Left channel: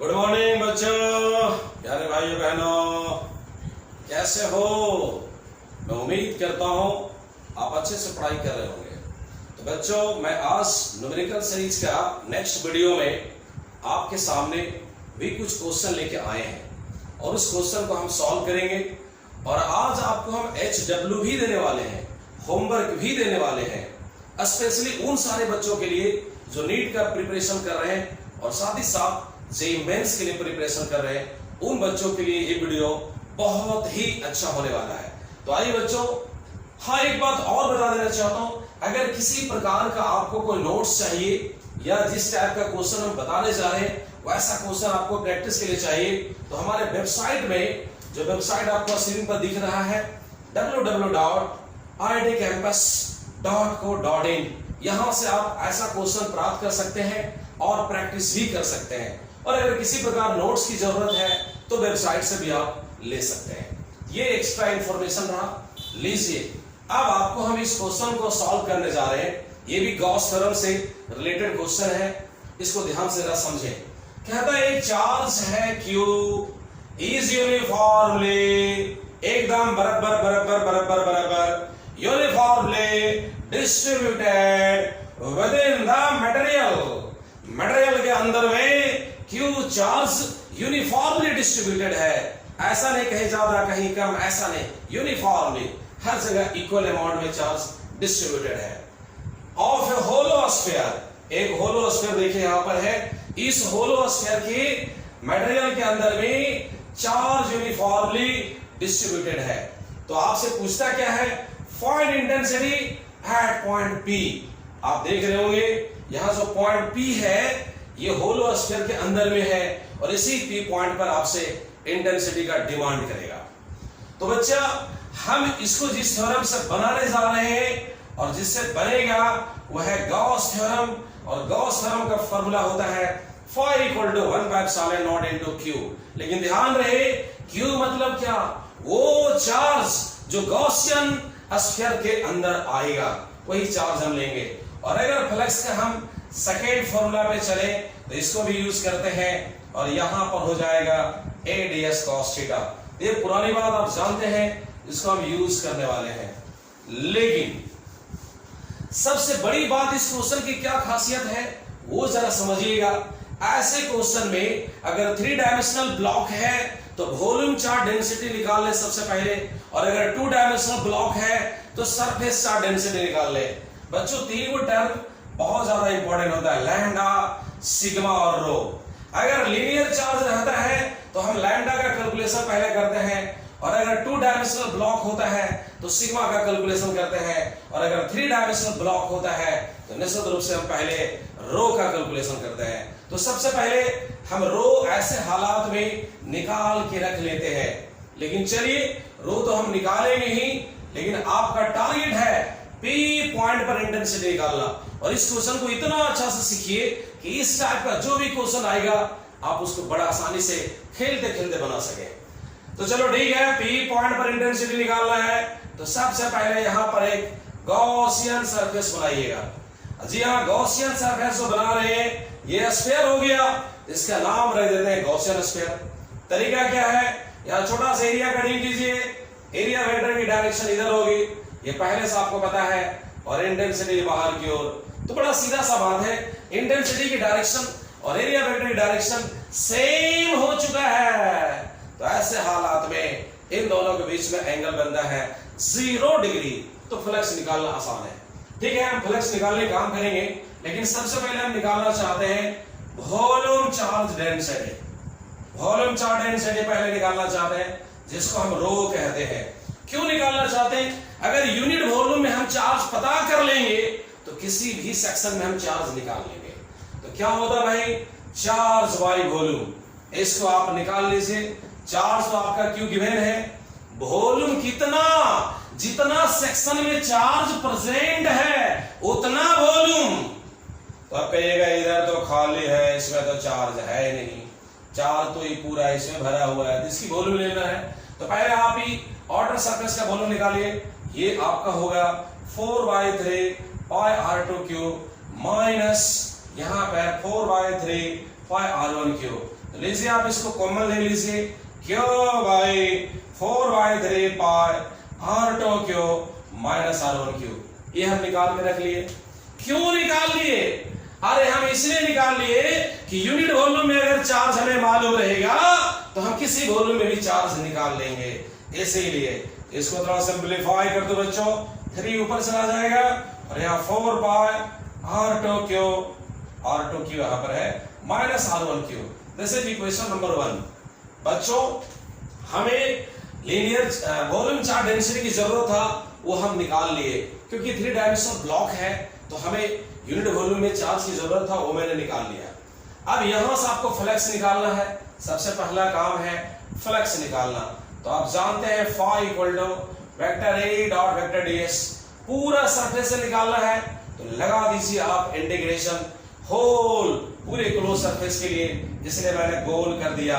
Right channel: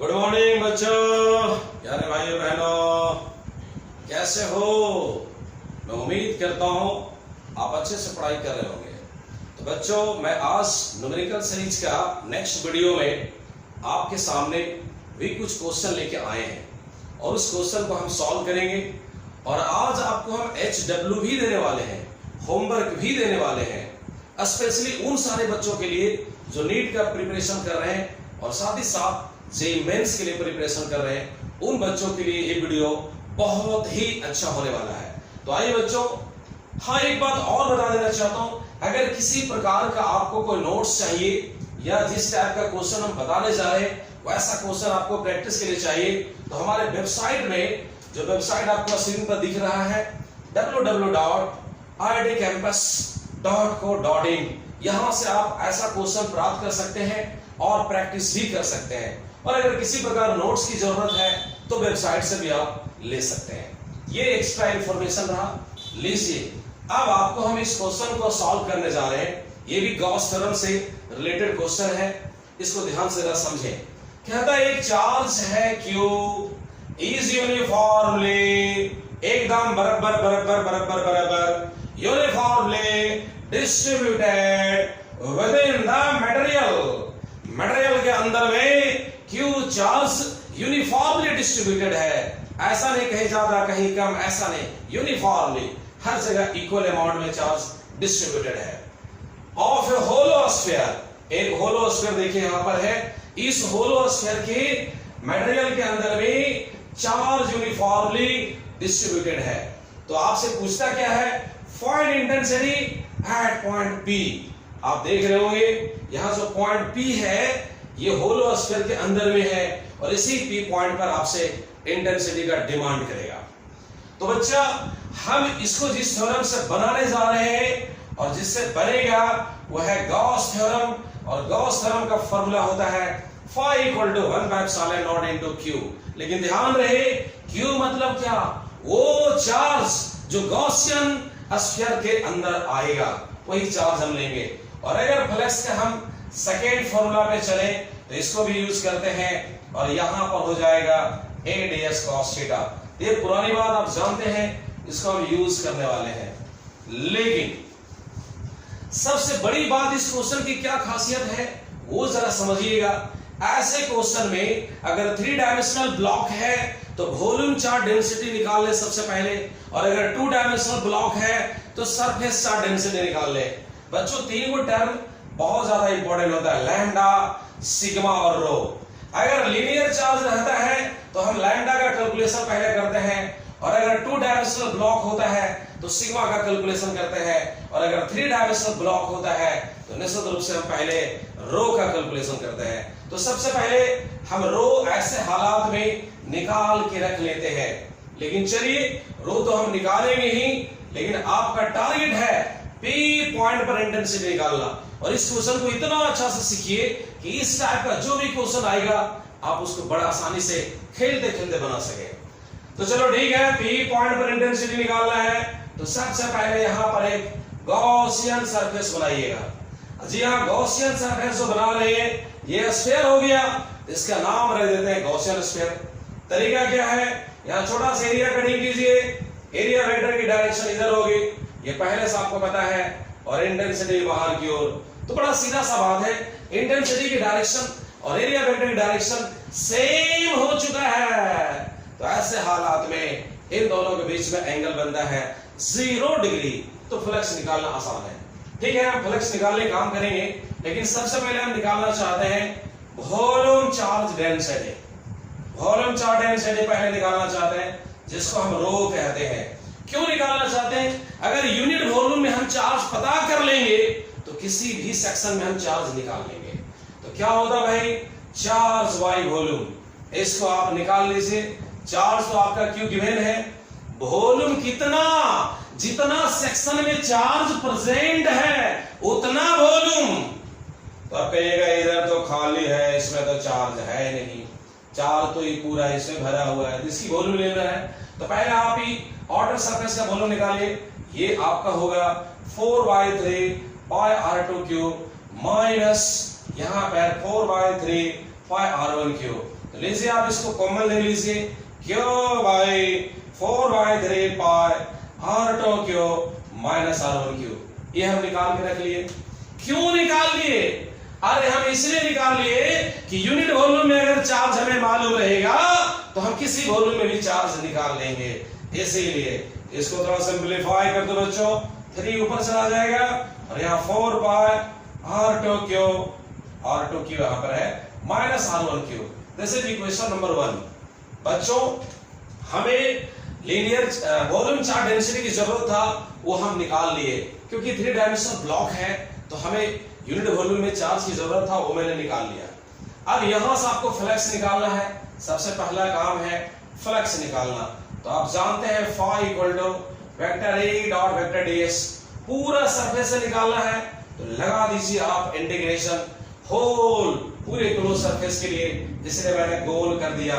Good morning बच्चों, प्यारे भाइयों बहनों, कैसे हो? मैं उम्मीद करता हूं आप अच्छे से पढ़ाई कर रहे होंगे। तो बच्चों, मैं आज न्यूमेरिकल सीरीज का नेक्स्ट वीडियो में आपके सामने भी कुछ क्वेश्चन लेके आए हैं और उस क्वेश्चन को हम सॉल्व करेंगे। और आज आपको हम HW भी देने वाले हैं, होमवर्क भी देने वाले हैं, स्पेशली उन सारे बच्चों के लिए जो नीट का प्रिपरेशन कर रहे हैं और साथ ही साथ जेईई मेंस के लिए प्रिपरेशन कर रहे हैं। उन बच्चों के लिए ये वीडियो बहुत ही अच्छा होने वाला है। तो आइए बच्चों, हाँ एक बात और बता देना चाहता हूं, अगर किसी प्रकार का आपको कोई नोट्स चाहिए या जिस टाइप का क्वेश्चन हम बताने जा रहे हैं वैसा क्वेश्चन आपको प्रैक्टिस के लिए चाहिए, तो हमारे वेबसाइट में, जो वेबसाइट आपको स्क्रीन पर दिख रहा है, www.iitcampus.co.in, यहां से आप ऐसा क्वेश्चन प्राप्त कर सकते हैं और प्रैक्टिस भी कर सकते हैं। और अगर किसी प्रकार नोट्स की जरूरत है तो वेबसाइट से भी आप ले सकते हैं। ये एक्स्ट्रा इंफॉर्मेशन रहा, लीजिए। अब आपको हम इस क्वेश्चन को सॉल्व करने जा रहे हैं। ये भी गॉस थ्योरम से रिलेटेड क्वेश्चन है, इसको ध्यान से जरा समझें। कहता है एक चार्ज है Q इज यूनिफॉर्मली, एकदम बराबर बराबर बराबर बराबर uniformly distributed with in the material. Material के अंदर में Q चार्ज यूनिफॉर्मली डिस्ट्रीब्यूटेड है, ऐसा नहीं कहीं ज्यादा कहीं कम, ऐसा नहीं, यूनिफॉर्मली हर जगह इक्वल अमाउंट में चार्ज डिस्ट्रीब्यूटेड है। ऑफ ए होलो स्फीयर, एक होलो स्फीयर देखिए यहां पर है, इस होलो स्फीयर के मटेरियल के अंदर में चार्ज यूनिफॉर्मली डिस्ट्रीब्यूटेड है। तो आपसे पूछता क्या है, find intensity at point P। आप देख रहे होंगे यहां जो पॉइंट P है ये होलो स्फीयर के अंदर में है और इसी P पॉइंट पर आपसे इंटेंसिटी का डिमांड करेगा। तो बच्चा, हम इसको जिस थ्योरम से बनाने जा रहे हैं और जिससे बनेगा वह है गॉस थ्योरम, और गॉस थ्योरम का फॉर्मूला होता है phi equal to 1/epsilon into Q। लेकिन ध्यान रहे, Q मतलब क्या? वो चार्ज जो गॉसियन स्फीयर के अंदर आएगा वही चार्ज हम लेंगे। और अगर फ्लक्स का हम सेकेंड फॉर्मूला पे चले तो इसको भी यूज करते हैं और यहां पर हो जाएगा A ds cos थीटा। ये पुरानी बात आप जानते हैं, इसको हम यूज करने वाले हैं। लेकिन सबसे बड़ी बात इस क्वेश्चन की क्या खासियत है वो जरा समझिएगा। ऐसे क्वेश्चन में अगर 3 डायमेंशनल ब्लॉक है तो वॉल्यूम चार्ज डेंसिटी निकाल ले सबसे पहले, और अगर 2 डायमेंशनल ब्लॉक है तो सरफेस चार्ज डेंसिटी निकाल ले। बच्चों, तीन को टर्म बहुत ज्यादा इंपॉर्टेंट होता है, लैम्डा, सिग्मा और रो। अगर लीनियर चार्ज रहता है तो हम लैम्डा का कैलकुलेशन पहले करते हैं, और अगर 2 डायमेंशनल ब्लॉक होता है तो सिग्मा का कैलकुलेशन करते हैं, और अगर 3 डायमेंशनल ब्लॉक होता है तो निश्चित रूप से हम पहले रो का कैलकुलेशन करते हैं। तो सबसे पहले हम रो ऐसे हालात में निकाल के रख लेते हैं। लेकिन चलिए, रो तो हम निकालेंगे ही, लेकिन आपका टारगेट है P पॉइंट पर इंटेंसिटी निकालना। और इस क्वेश्चन को इतना अच्छा से सीखिए कि इस टाइप का जो भी क्वेश्चन आएगा आप उसको बड़ा आसानी से खेलते खेलते बना सके। तो चलो ठीक है, P पॉइंट पर इंटेंसिटी निकालना है तो सबसे पहले यहां पर एक गॉसियन सरफेस बनाइएगा। जी हाँ, गॉसियन सरफेस जो बना रहे हैं, ये स्फीयर हो गया, इसका नाम रख देते हैं गॉसियन स्फीयर। तरीका क्या है, यहां छोटा सा एरिया कटिंग कीजिए, एरिया वेक्टर की डायरेक्शन इधर होगी, ये पहले से आपको पता है, और इंटेंसिटी बाहर की ओर। तो बड़ा सीधा सा बात है, इंटेंसिटी की डायरेक्शन और एरिया वेक्टर की डायरेक्शन सेम हो चुका है, तो ऐसे हालात में इन दोनों के बीच में एंगल बनता है 0 डिग्री। तो फ्लक्स निकालना आसान है। ठीक है, हम फ्लक्स निकालने का काम करेंगे, लेकिन सबसे पहले हम निकालना चाहते हैं volume charge density. Volume charge density पहले निकालना चाहते हैं, जिसको हम रो कहते हैं। क्यों निकालना चाहते हैं? अगर यूनिट वॉल्यूम में हम चार्ज पता कर लेंगे तो किसी भी सेक्शन में हम चार्ज निकाल लेंगे। तो क्या होता भाई, चार्ज बाई वॉल्यूम, इसको आप निकाल लीजिए। चार्ज तो आपका क्यों गिवन है, वॉल्यूम कितना, जितना सेक्शन में चार्ज प्रेजेंट है उतना वॉल्यूम। तो आप कहिएगा इधर तो खाली है, इसमें तो चार्ज है नहीं, चार्ज तो ये पूरा इसमें भरा हुआ है, इसकी वॉल्यूम लेना है। तो पहले आप ही ऑर्डर सरफेस का वॉल्यूम निकालिए। ये आपका होगा 4/3 पाई r2 क्यूब माइनस यहाँ पर 4/3 पाई r1 क्यूब। तो लीजिए आप इसको कॉमन ले लीजिए, Q by 4/3 pi R2 Q minus R1 Q. ये हम निकाल के रख लिए। क्यों निकाल लिए? अरे हम इसलिए निकाल लिए कि यूनिट वॉल्यूम में अगर चार्ज हमें मालूम रहेगा तो हम किसी वॉल्यूम में भी चार्ज निकाल लेंगे। इसीलिए इसको थोड़ा सिंप्लीफाई कर दो बच्चों, 3 ऊपर चला जाएगा और यहाँ 4 पाई R2 क्यू यहां पर है minus R1 Q. This is equation number 1। बच्चों हमें लीनियर वॉल्यूम चार्ज डेंसिटी की जरूरत था, वो हम निकाल लिए। क्योंकि 3 डायमेंशनल ब्लॉक है तो हमें यूनिट वॉल्यूम में चार्ज की जरूरत था, वो मैंने निकाल लिया। अब यहां से आपको फ्लक्स निकालना है। सबसे पहला काम है फ्लक्स निकालना। तो आप जानते हैं phi equal to vector A dot vector ds, पूरा सरफेस से निकालना है। तो लगा दीजिए आप इंटीग्रेशन होल पूरे क्लोज सरफेस के लिए, इसलिए मैंने गोल कर दिया।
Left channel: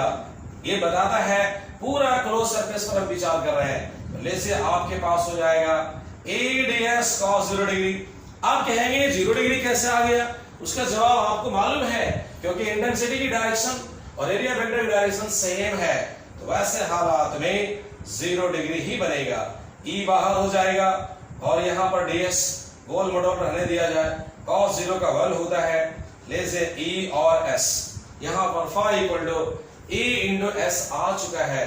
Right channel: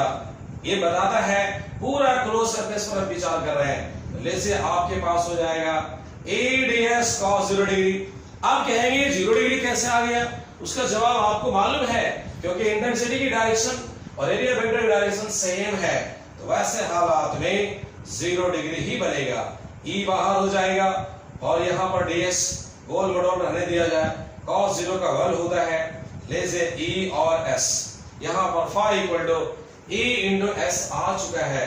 ये बताता है पूरा क्लोज सरफेस पर हम विचार कर रहे हैं। तो जैसे आपके पास हो जाएगा a ds cos 0 डिग्री। आप कहेंगे 0 डिग्री कैसे आ गया? उसका जवाब आपको मालूम है, क्योंकि इंटेंसिटी की डायरेक्शन और एरिया वेक्टर की डायरेक्शन सेम है। तो वैसे हालात में 0 डिग्री ही बनेगा। E बाहर हो जाएगा और यहां पर ds गोल मडोल रहने दिया जाए। cos 0 का 1 होता है, ले से E और s। यहां पर phi equal to E into s आ चुका है।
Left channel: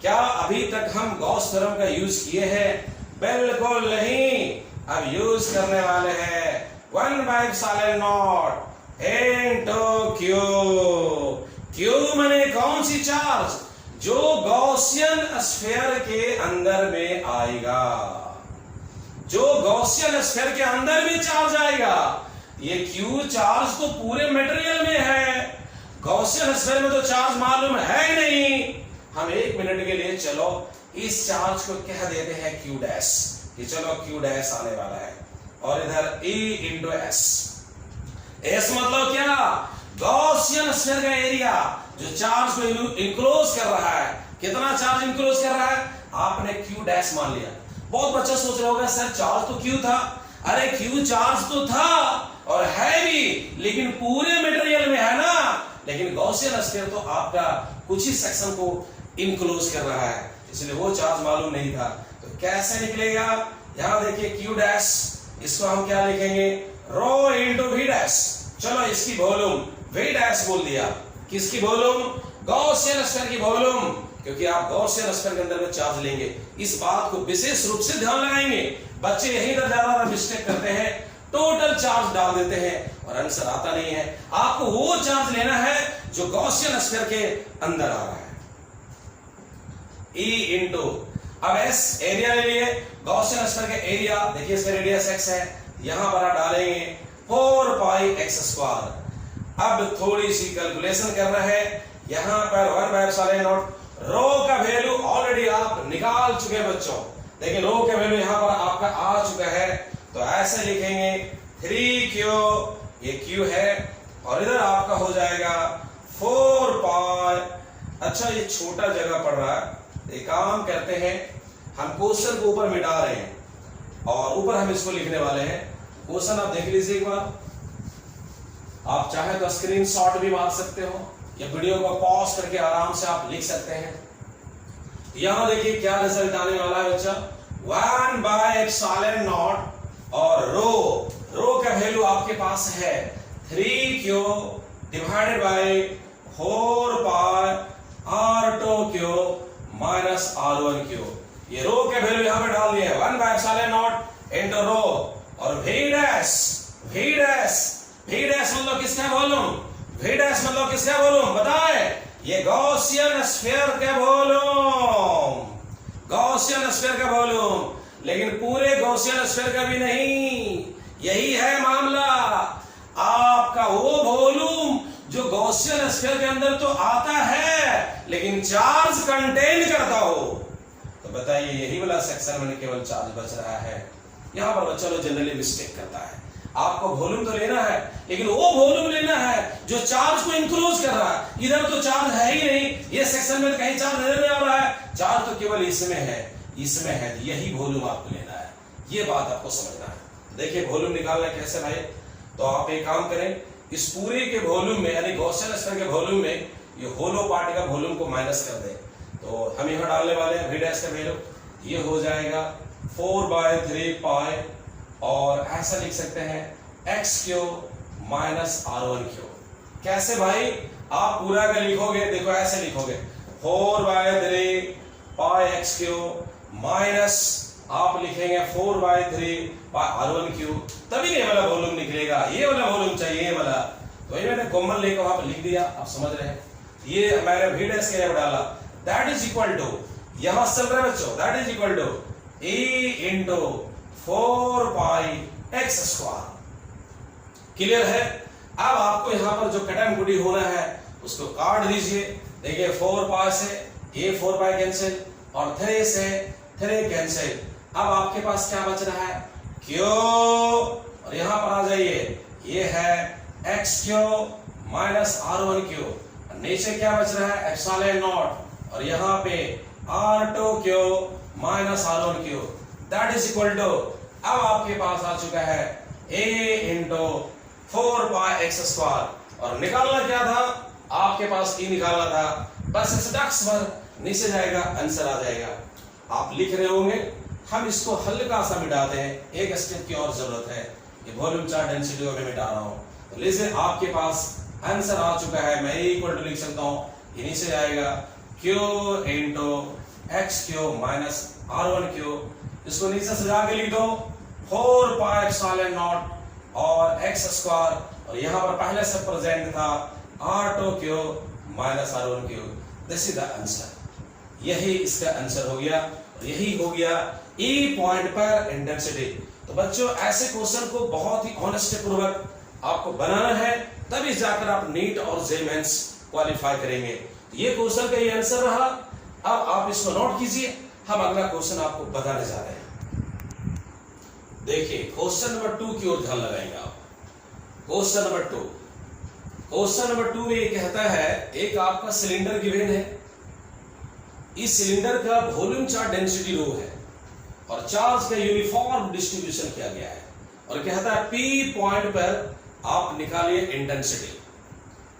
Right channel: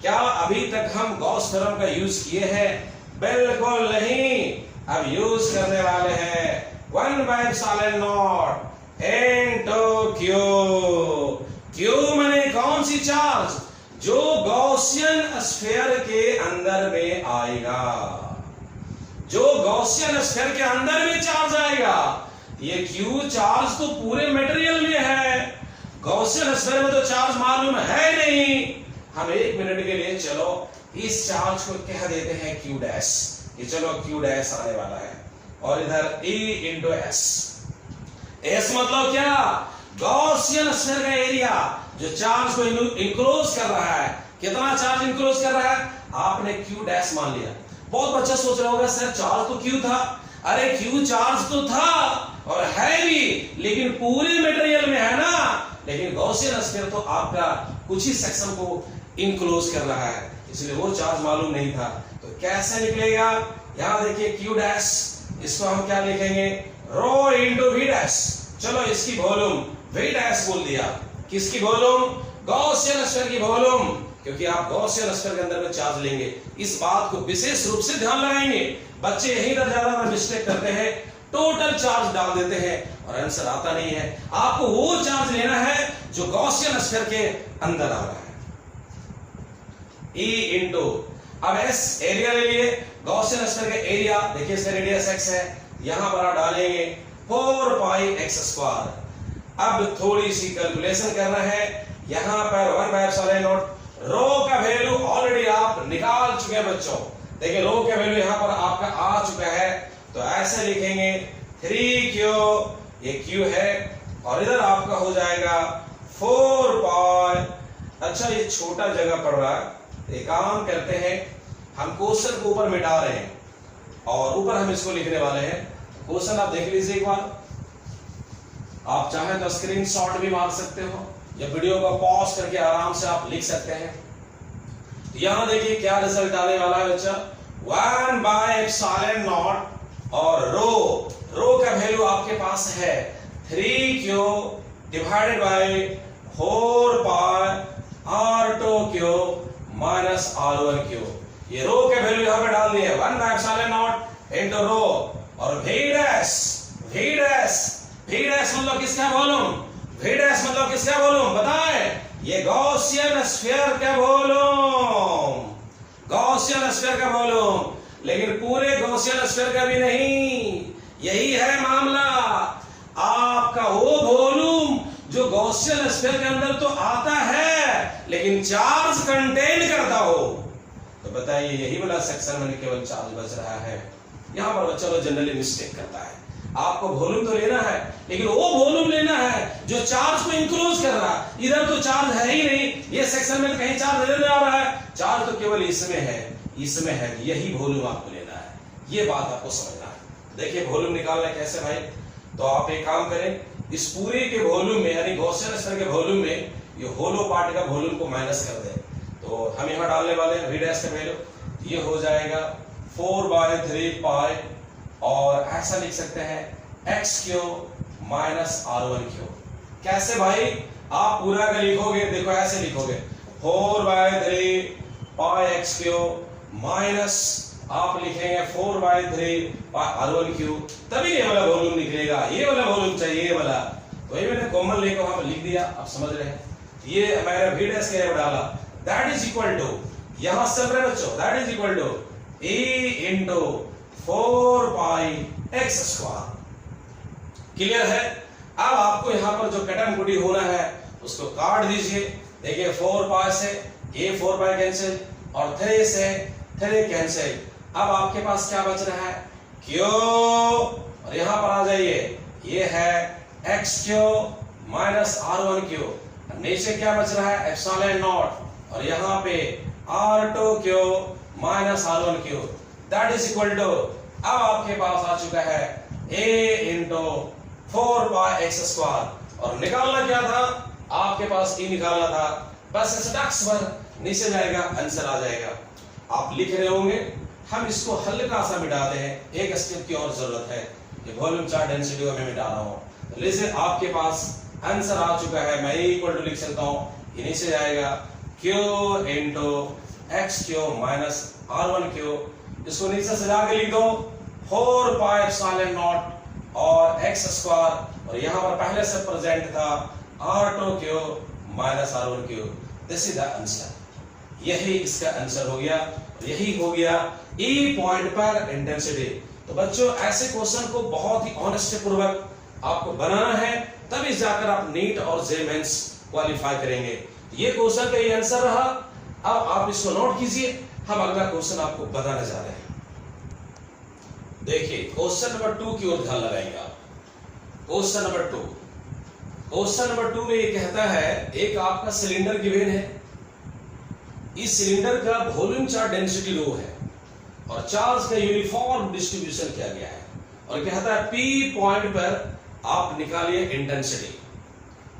क्या अभी तक हम गॉस थ्योरम का यूज किए हैं? बिल्कुल नहीं। अब यूज करने वाले हैं 1/0 इनटू क्यू। क्यू माने कौन सी चार्ज? जो गॉसियन स्फीयर के अंदर में आएगा, जो गॉसियन स्फीयर के अंदर में चार्ज आएगा। ये क्यू चार्ज तो पूरे मटेरियल में है, गॉसियन स्फीयर में तो चार्ज मालूम है नहीं। हम 1 मिनट के लिए चलो इस चार्ज को कह देते हैं क्यू डैश, कि चलो क्यू डैश आने वाला है। और इधर E इंटू s। एस मतलब क्या? गॉसियन स्फीयर का एरिया जो चार्ज को इंक्लोज कर रहा है। कितना चार्ज इंक्लोज कर रहा है? आपने क्यू डैश मान लिया। बहुत बच्चा सोच रहा होगा सर चार्ज तो क्यू था। अरे क्यू चार्ज तो था और है भी, लेकिन पूरे मटेरियल में है ना। लेकिन गॉसियन स्फीयर तो आपका कुछ ही सेक्शन को इंक्लोज कर रहा है, इसलिए वो चार्ज मालूम नहीं था। तो कैसे निकलेगा? यहां देखिए क्यू डैश, इसको हम क्या लिखेंगे? Rho into we dash. चलो इसकी वॉल्यूम वी डैश बोल दिया। किसकी वॉल्यूम? गॉसियन स्फीयर की वॉल्यूम, क्योंकि आप गॉसियन स्फीयर के अंदर में चार्ज लेंगे। इस बात को विशेष रूप से ध्यान लगाएंगे। बच्चे यही तर ज्यादा मिस्टेक करते हैं, टोटल चार्ज डाल देते हैं और आंसर आता नहीं है। आपको वो चार्ज लेना है जो गॉसियन स्फीयर के अंदर आ रहा है। E इंटू अब s एरिया ले लिए, गॉसियन स्फीयर का एरिया देखिए, इसका रेडियस x है। यहां पर आप डालेंगे 4 पाई x स्क्वायर। अब थोड़ी सी कैलकुलेशन करना है। यहां पर 1/0 रो का वैल्यू ऑलरेडी आप निकाल चुके हैं बच्चों। देखिए रो का वैल्यू यहां पर आपका आ चुका है। तो ऐसे लिखेंगे 3q, ये q है, और इधर आपका हो जाएगा 4 पाई। अच्छा ये छोटा जगह पड़ रहा है, एक काम करते हैं, हम क्वेश्चन को ऊपर मिटा रहे हैं और ऊपर हम इसको लिखने वाले हैं। क्वेश्चन आप देख लीजिए एक बार। आप चाहे तो स्क्रीनशॉट भी मार सकते हो या वीडियो को पॉज करके आराम से आप लिख सकते हैं। यहां देखिए क्या रिजल्ट आने वाला है बच्चा, 1/0 और रो का वैल्यू आपके पास है 3q divided by 4 pi R2 Q minus R1 Q. ये रो के वैल्यू यहां पे डाल दिए 1/0 इनटू रो और v डैश मतलब किसका वॉल्यूम? v डैश मतलब किसका वॉल्यूम बताए? ये गॉसियन स्फीयर का वॉल्यूम, गॉसियन स्फीयर का वॉल्यूम। लेकिन पूरे गॉसियन स्फीयर का भी नहीं। यही है मामला, आपका वो वॉल्यूम जो गॉसियन स्फीयर के अंदर तो आता है लेकिन चार्ज कंटेन करता हो। तो बताइए यही वाला सेक्शन में केवल चार्ज बच रहा है। यहां पर बच्चा लोग जनरली मिस्टेक करता है। आपको वॉल्यूम तो लेना है, लेकिन वो वॉल्यूम लेना है जो चार्ज को इंक्लोज कर रहा है। इधर तो चार्ज है ही नहीं, ये सेक्शन में कहीं चार्ज नजर नहीं आ रहा है। चार्ज तो केवल इसमें है, इसमें है। यही वॉल्यूम आपको लेना है, ये बात आपको समझना है। देखिए वॉल्यूम निकालना कैसे भाई। तो आप एक काम करें, इस पूरे के वॉल्यूम में यानी गॉसियन स्तर के वॉल्यूम में ये होलो पार्ट का वॉल्यूम को माइनस कर दे, तो हम यहां डालने वाले हैं v डैश का वैल्यू, ये हो जाएगा 4/3 पाई, और ऐसा लिख सकते हैं x cube minus r1 cube. कैसे भाई? आप पूरा का लिखोगे, देखो ऐसे लिखोगे 4/3 पाई x क्यूब माइनस आप लिखेंगे 4/3 पाई r1 क्यूब, तभी ये वाला वॉल्यूम निकलेगा। ये वाला वॉल्यूम चाहिए, ये वाला, तो ये मैंने कॉमन लेकर वहां पर लिख दिया, आप समझ रहे हैं। ये मैंने v डैश के डाला, दैट इज इक्वल टू, यहां चल रहे बच्चों, that is equal to e into 4 pi x square. Clear है? अब आपको यहां पर जो कटम कुटी होना है उसको काट दीजिए। देखिए 4 पाई से ये 4 पाई कैंसिल और 3 से 3 कैंसिल। अब आपके पास क्या बच रहा है? क्यू, और यहां पर आ जाइए, ये है x cube minus r1 cube, नीचे क्या बच रहा है? एप्सिलॉन नॉट, और यहां पे r2 cube minus r1 cube, that is equal to, अब आपके पास आ चुका है a into 4 pi x square. और निकालना क्या था? आपके पास e निकालना था, बस स्टैक्स पर नीचे जाएगा, आंसर आ जाएगा। आप लिख रहे होंगे, हम इसको हल्का सा मिटाते हैं, एक स्टेप की और जरूरत है। ये वॉल्यूम चार्ट डेंसिटी को मैं मिटा रहा हूं, तो लीजिए आपके पास आंसर आ चुका है। मैं इक्वल टू लिख सकता हूं, ये नीचे जाएगा q into x cube minus r1 cube, इसको नीचे सजा के लिख दो 4 पाई एप्सिलॉन नॉट और x स्क्वायर, और यहां पर पहले से प्रेजेंट था r2 cube minus r1 cube. This is the answer, यही इसका आंसर हो गया, और यही हो गया E पॉइंट पर इंटेंसिटी। तो बच्चों ऐसे क्वेश्चन को बहुत ही ऑनेस्टी पूर्वक आपको बनाना है, तभी जाकर आप नीट और जे मेंस क्वालिफाई करेंगे। ये क्वेश्चन का ये आंसर रहा। अब आप इसको नोट कीजिए, हम अगला क्वेश्चन आपको बताने जा रहे हैं। देखिए क्वेश्चन नंबर 2 की ओर ध्यान लगाएंगे आप। क्वेश्चन नंबर 2, क्वेश्चन नंबर 2 में ये कहता है, एक आपका सिलेंडर गिवन है, इस सिलेंडर का वॉल्यूम चार्ज डेंसिटी रो है और चार्ज का यूनिफॉर्म डिस्ट्रीब्यूशन किया गया है, और कहता है P पॉइंट पर आप निकालिए इंटेंसिटी।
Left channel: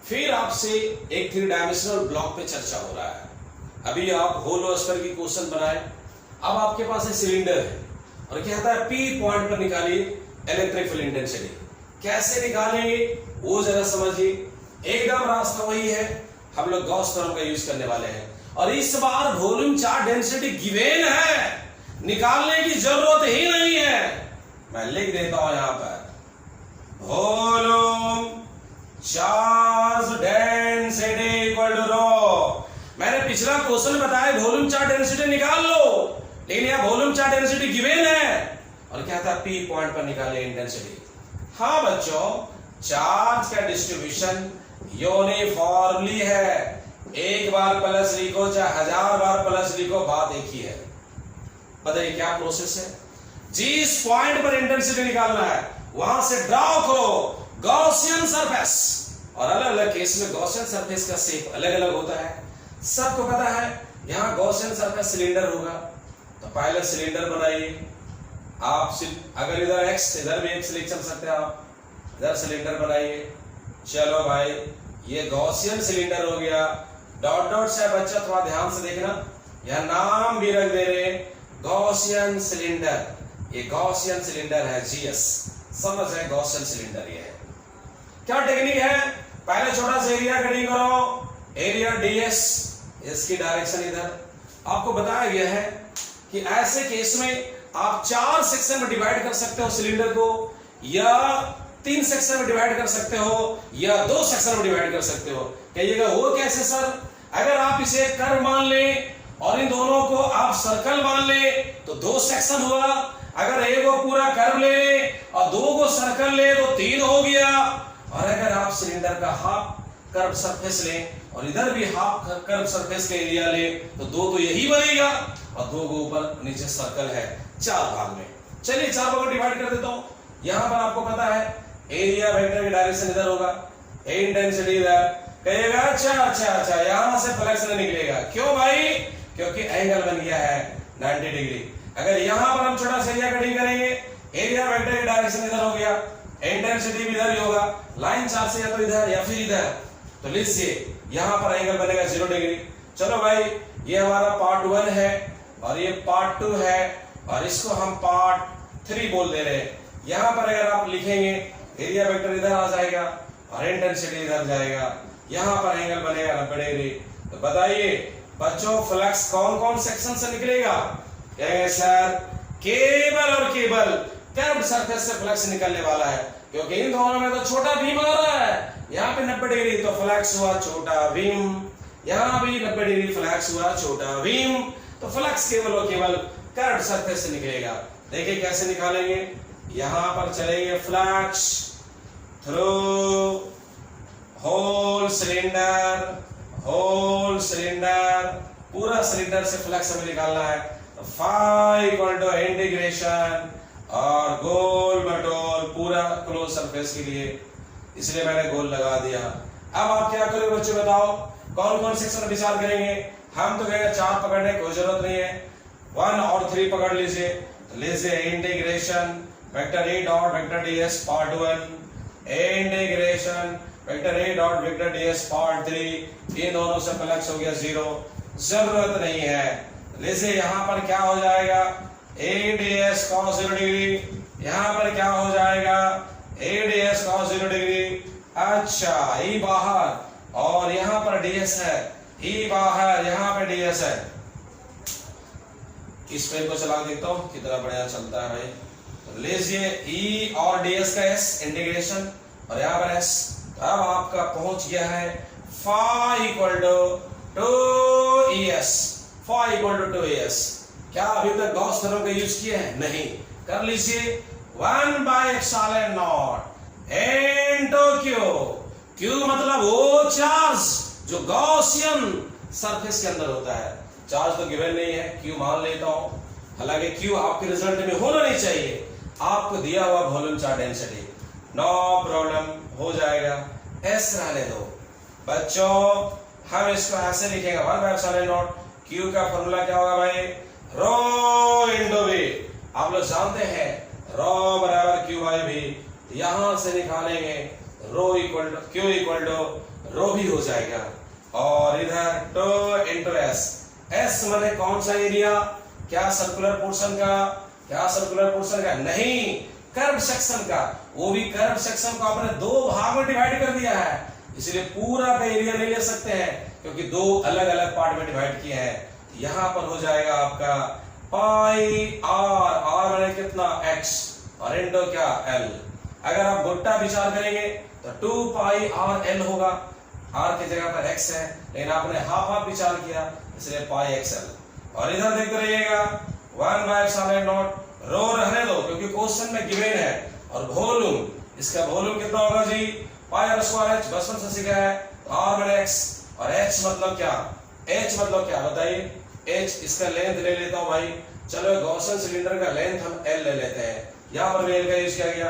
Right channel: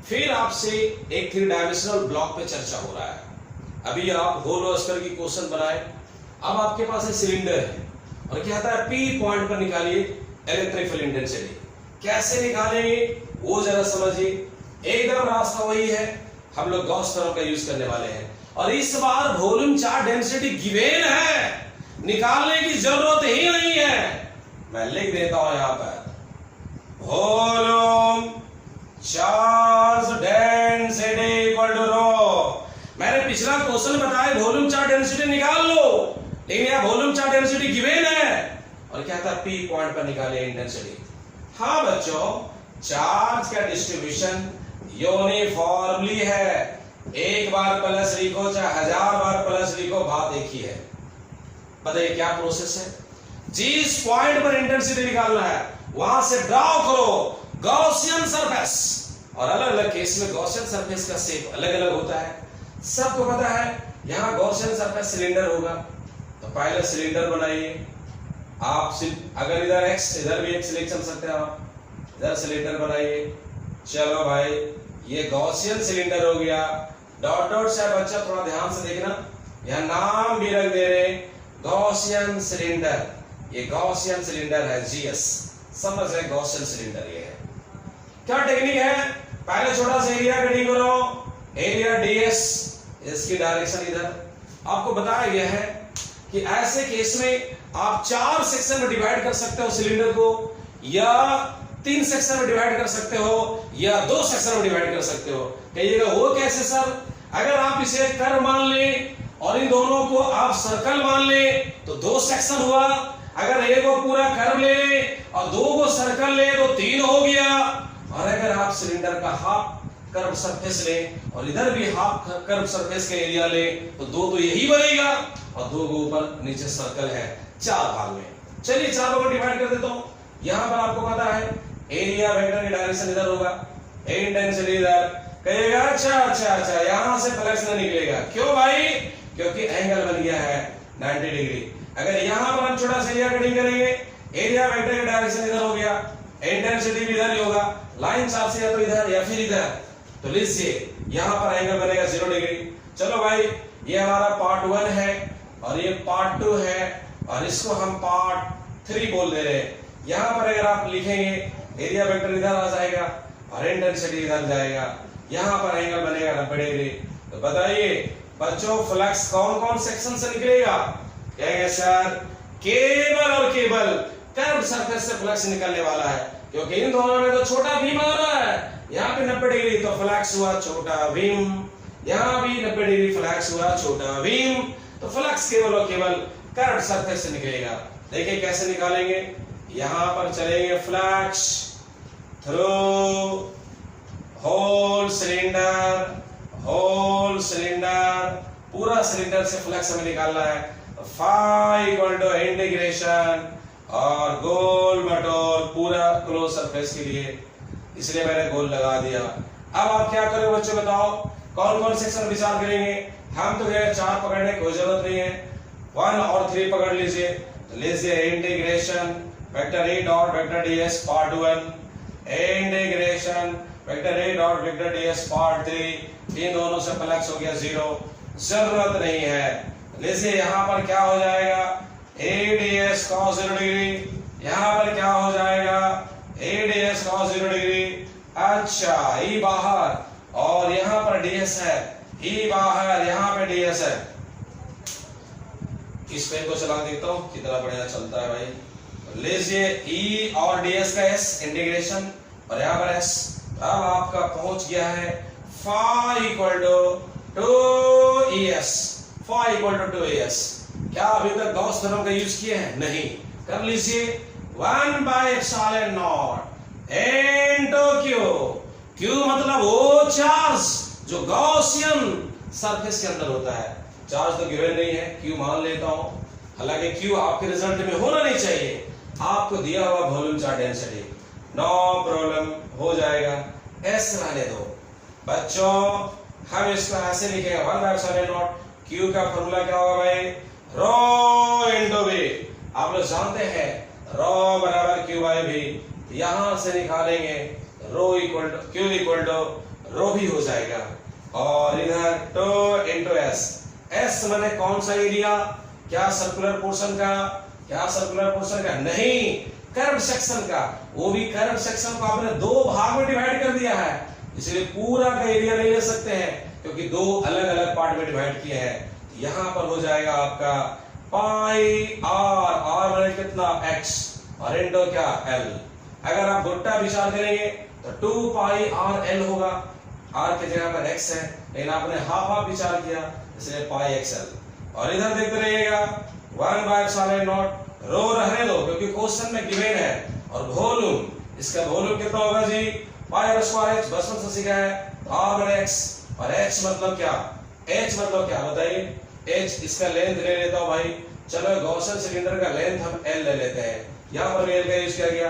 फिर आपसे एक 3 डायमेंशनल ब्लॉक पे चर्चा हो रहा है। अभी आप होलो स्तर की क्वेश्चन बनाए, अब आपके पास एक सिलेंडर है और कहता है P पॉइंट पर निकालिए इलेक्ट्रिक फील्ड इंटेंसिटी। कैसे निकालेंगे वो जरा समझिए। एकदम रास्ता वही है, हम लोग गॉस थ्योरम का यूज करने वाले हैं, और इस बार वॉल्यूम चार्ज डेंसिटी गिवन है, निकालने की जरूरत ही नहीं है। मैं लिख देता हूं यहां पर volume charge density equal to rho. मैंने पिछला क्वेश्चन बताया वॉल्यूम चार्ज डेंसिटी निकाल लो, लेकिन यहां वॉल्यूम चार्ज डेंसिटी गिवन है और क्या था? P पॉइंट पर निकाले इंटेंसिटी। हाँ बच्चों, चार्ज का डिस्ट्रीब्यूशन यूनिफॉर्मली है, एक बार प्लस लिखो चाहे 1000 बार प्लस लिखो, बात एक ही है। बताइए क्या प्रोसेस है? जिस पॉइंट पर इंटेंसिटी निकालना है वहां से ड्रॉ करो गॉसियन सरफेस, और अलग अलग केस में गॉसियन सरफेस का शेप अलग अलग होता है, सबको पता है। यहां गॉसियन सरफेस सिलेंडर होगा, तो पहले सिलेंडर बनाइए आप। अगर इधर x, इधर भी x लिख सकते हैं आप, इधर सिलेंडर बनाइए। चलो भाई, ये गॉसियन सिलेंडर हो गया। डॉट डॉट से बच्चा थोड़ा ध्यान से देखना, यह नाम भी रख दे रहे गॉसियन सिलेंडर। ये गॉसियन सिलेंडर है, GS, समझ है गॉसियन सिलेंडर ये है। क्या टेक्निक है? पहले छोटा सा एरिया कटिंग करो, एरिया DS, इसकी डायरेक्शन इधर। आपको बताया गया है कि ऐसे केस में आप 4 सेक्शन में डिवाइड कर सकते हो सिलेंडर को, या 3 सेक्शन में डिवाइड कर सकते हो, या 2 सेक्शन में डिवाइड कर सकते हो। कहिएगा वो कैसे सर? अगर आप इसे कर्व मान ले और इन दोनों को आप सर्कल मान ले तो 2 सेक्शन हुआ। अगर एक को पूरा कर्व ले और 2 को सर्कल ले तो 3 हो गया। और अगर आप सिलेंडर का हाफ कर्व सरफेस ले और इधर भी हाफ कर्व सरफेस का एरिया ले तो 2 तो यही बनेगा, और 2 को ऊपर नीचे सर्कल है, 4 भाग में। चलिए 4 भाग में डिवाइड कर देता हूं। यहां पर आपको पता है एरिया वेक्टर की डायरेक्शन इधर होगा, इंटेंसिटी इधर। कहिएगा अच्छा, यहां से फ्लक्स नहीं निकलेगा। क्यों भाई? क्योंकि एंगल बन गया है 90 डिग्री। अगर यहां पर हम छोटा सा एरिया कटिंग करेंगे, एरिया वेक्टर की डायरेक्शन इधर हो गया, इंटेंसिटी भी इधर ही होगा, लाइन चार्ज से या तो इधर या फिर इधर, तो लीजिए यहां पर एंगल बनेगा 0 डिग्री। चलो भाई ये हमारा पार्ट 1 है और ये पार्ट 2 है और इसको हम पार्ट 3 बोल दे रहे हैं। यहां पर अगर आप लिखेंगे एरिया वेक्टर इधर आ जाएगा और इंटेंसिटी इधर जाएगा, यहां पर एंगल बनेगा 90 डिग्री। तो बताइए बच्चों फ्लक्स कौन कौन सेक्शन से निकलेगा? कहेंगे सर केबल और केबल कर्व्ड सरफेस से फ्लक्स निकलने वाला है, क्योंकि इन दोनों में तो छोटा भीम हो रहा है। यहाँ पे 90 डिग्री तो फ्लक्स हुआ छोटा भीम, यहाँ भी 90 डिग्री फ्लक्स हुआ छोटा भीम, तो फ्लक्स केवल और केवल कर्व्ड सरफेस से निकलेगा। देखिए कैसे निकालेंगे, यहां पर चलेंगे फ्लक्स थ्रू होल सिलेंडर, पूरा सिलेंडर से फ्लक्स हमें निकालना है। फाई इक्वल टू इंटीग्रेशन और गोल मटोल पूरा क्लोज सरफेस के लिए, इसलिए मैंने गोल लगा दिया। अब आप क्या करोगे बच्चों बताओ, कौन कौन सेक्शन विचार करेंगे? हम तो गए 4 पकड़ने कोई जरूरत नहीं है, 1 और 3 पकड़ लीजिए। लीजिए integration vector A dot vector DS part 1, integration vector A dot vector DS part 3, इन दोनों से फ्लक्स हो गया 0, जरूरत नहीं है। लीजिए यहां पर क्या हो जाएगा, ए डीएस cos 0 डिग्री, यहां पर क्या हो जाएगा ए डीएस cos 0 डिग्री। अच्छा ई बाहर और यहां पर डीएस है, ई बाहर यहां पे डीएस है। इस पेन को चला देता हूं कितना बढ़िया चलता है भाई। लीजिए ई और डीएस का एस इंटीग्रेशन और यहां पर एस, अब आपका पहुंच गया है phi equal to 2ES, phi equal to 2ES। क्या अभी तक गॉस थ्योरम का यूज किए हैं? नहीं, कर लीजिए 1/ε0 इनटू क्यू, क्यू मतलब वो चार्ज जो गॉसियन सरफेस के अंदर होता है। चार्ज तो गिवन नहीं है, क्यू मान लेता हूं, हालांकि क्यू आपके रिजल्ट में होना नहीं चाहिए, आपको दिया हुआ volume charge density, no problem, हो जाएगा। एस रहने दो बच्चों, हम इसको ऐसे लिखेंगे 1/ε0, क्यू का फॉर्मूला क्या होगा भाई, रो इंटू वी। आप लोग जानते हैं रो बराबर क्यू बाई वी, यहां से निकालेंगे rho equal to q equal to rho भी हो जाएगा, और इधर टू इंटू एस। एस माने कौन सा एरिया, क्या सर्कुलर पोर्शन का, क्या सर्कुलर पोर्शन का नहीं, कर्व सेक्शन का, वो भी कर्व सेक्शन को आपने 2 भाग में डिवाइड कर दिया है, इसलिए पूरा का एरिया नहीं ले सकते हैं क्योंकि 2 अलग अलग पार्ट में डिवाइड किए हैं। यहां पर हो जाएगा आपका पाई आर, आर माने कितना x और इंटू क्या l। अगर आप गोटा विचार करेंगे तो 2 पाई आर एल होगा, r की जगह पर x है लेकिन आपने हाफ हाफ विचार किया इसलिए पाई xl। और इधर देखते रहिएगा 1/ε0, रो रहने दो क्योंकि क्वेश्चन में गिवन है, और वॉल्यूम, इसका वॉल्यूम कितना होगा जी, पाई आर स्क्वायर h, बचपन से सीखा है, r माने x और h मतलब क्या, h मतलब क्या बताइए, h इसका लेंथ ले लेता हूं भाई, चलो गॉसियन सिलेंडर का लेंथ हम l ले लेते हैं, यहां पर l का यूज किया गया,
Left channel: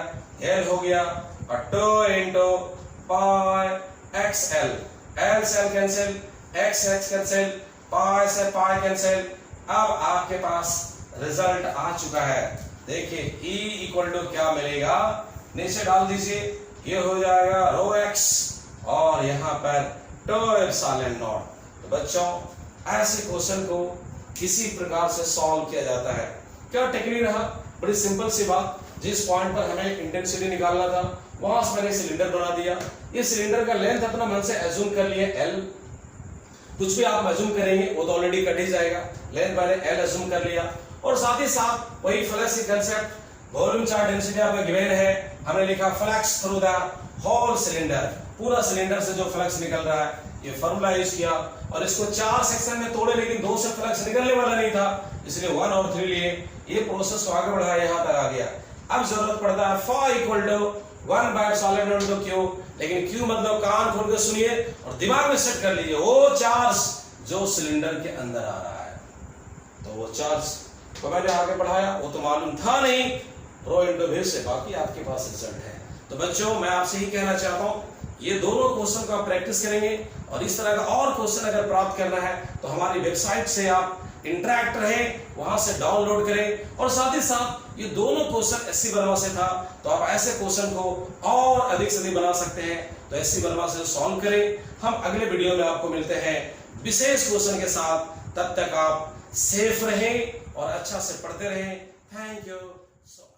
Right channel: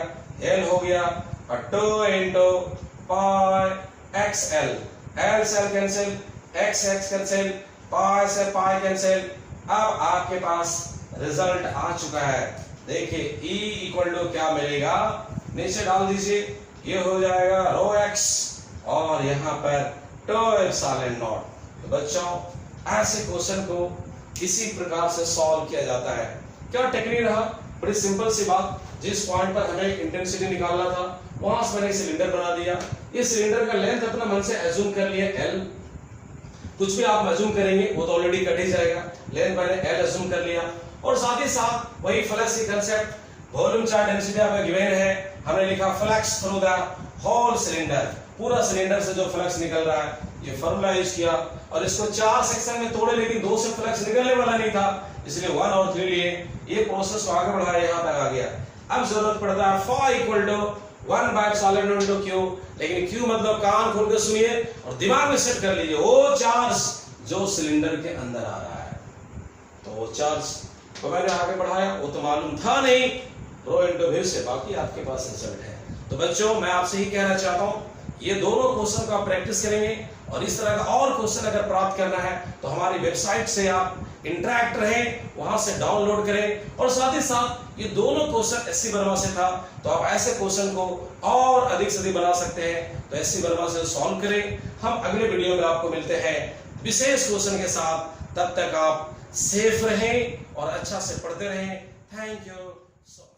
l हो गया और 2 इंटू पाई xl, l से l कैंसिल, x कैंसिल, पाई से पाई कैंसिल। अब आपके पास रिजल्ट आ चुका है, देखिए E इक्वल टू क्या मिलेगा, नीचे डाल दीजिए, ये हो जाएगा रो x और यहां पर 2ε0। तो बच्चों ऐसे क्वेश्चन को इसी प्रकार से सॉल्व किया जाता है। क्या टेक्निक रहा, बड़ी सिंपल सी बात, जिस पॉइंट पर हमें इंटेंसिटी निकालना था वहां से मैंने सिलेंडर बना दिया, ये सिलेंडर का लेंथ अपना मन से एज्यूम कर लिया L, कुछ भी आप एज्यूम करेंगे वो तो ऑलरेडी कट ही जाएगा, लेंथ मैंने L एज्यूम कर लिया, और साथ ही साथ वही फ्लक्स की कांसेप्ट, वॉल्यूम चार्ज डेंसिटी आपका गिवन है, हमने लिखा flux through the whole cylinder, पूरा सिलेंडर से जो फ्लक्स निकल रहा है, ये फॉर्मूला यूज किया, और इसको 4 सेक्शन में तोड़े लेकिन 2 से फ्लक्स निकलने वाला नहीं था, इसलिए 1 और 3 लिए, ये प्रोसेस को आगे बढ़ाया, यहां तक आ गया। अब जरूरत पड़ता है φ इक्वल टू 1/ε0 इंटू क्यू, लेकिन क्यू मतलब कान खोल के सुनिए और दिमाग में सेट कर लीजिए, वो चार्ज जो सिलेंडर के अंदर आ रहा है, तो वो चार्ज को मैंने आगे बढ़ाया, वो तो मालूम था नहीं, रो इंटू वी से, बाकी आपके पास रिजल्ट है। तो बच्चों मैं आपसे ही कहना चाहता हूं, ये दोनों क्वेश्चन को आप प्रैक्टिस करेंगे, और इस तरह का और क्वेश्चन अगर प्राप्त करना है तो हमारी वेबसाइट से आप इंटरेक्ट रहे, वहां से डाउनलोड करें। और साथ ही साथ ये दोनों क्वेश्चन एससी वर्मा से था, तो आप ऐसे क्वेश्चन को और अधिक से अधिक बना सकते हैं, तो एससी वर्मा से सॉल्व करें। हम अगले वीडियो में आपको मिलते हैं विशेष क्वेश्चन के साथ। तब तक आप सेफ रहें और अच्छा से पढ़ते रहें। Thank you so much.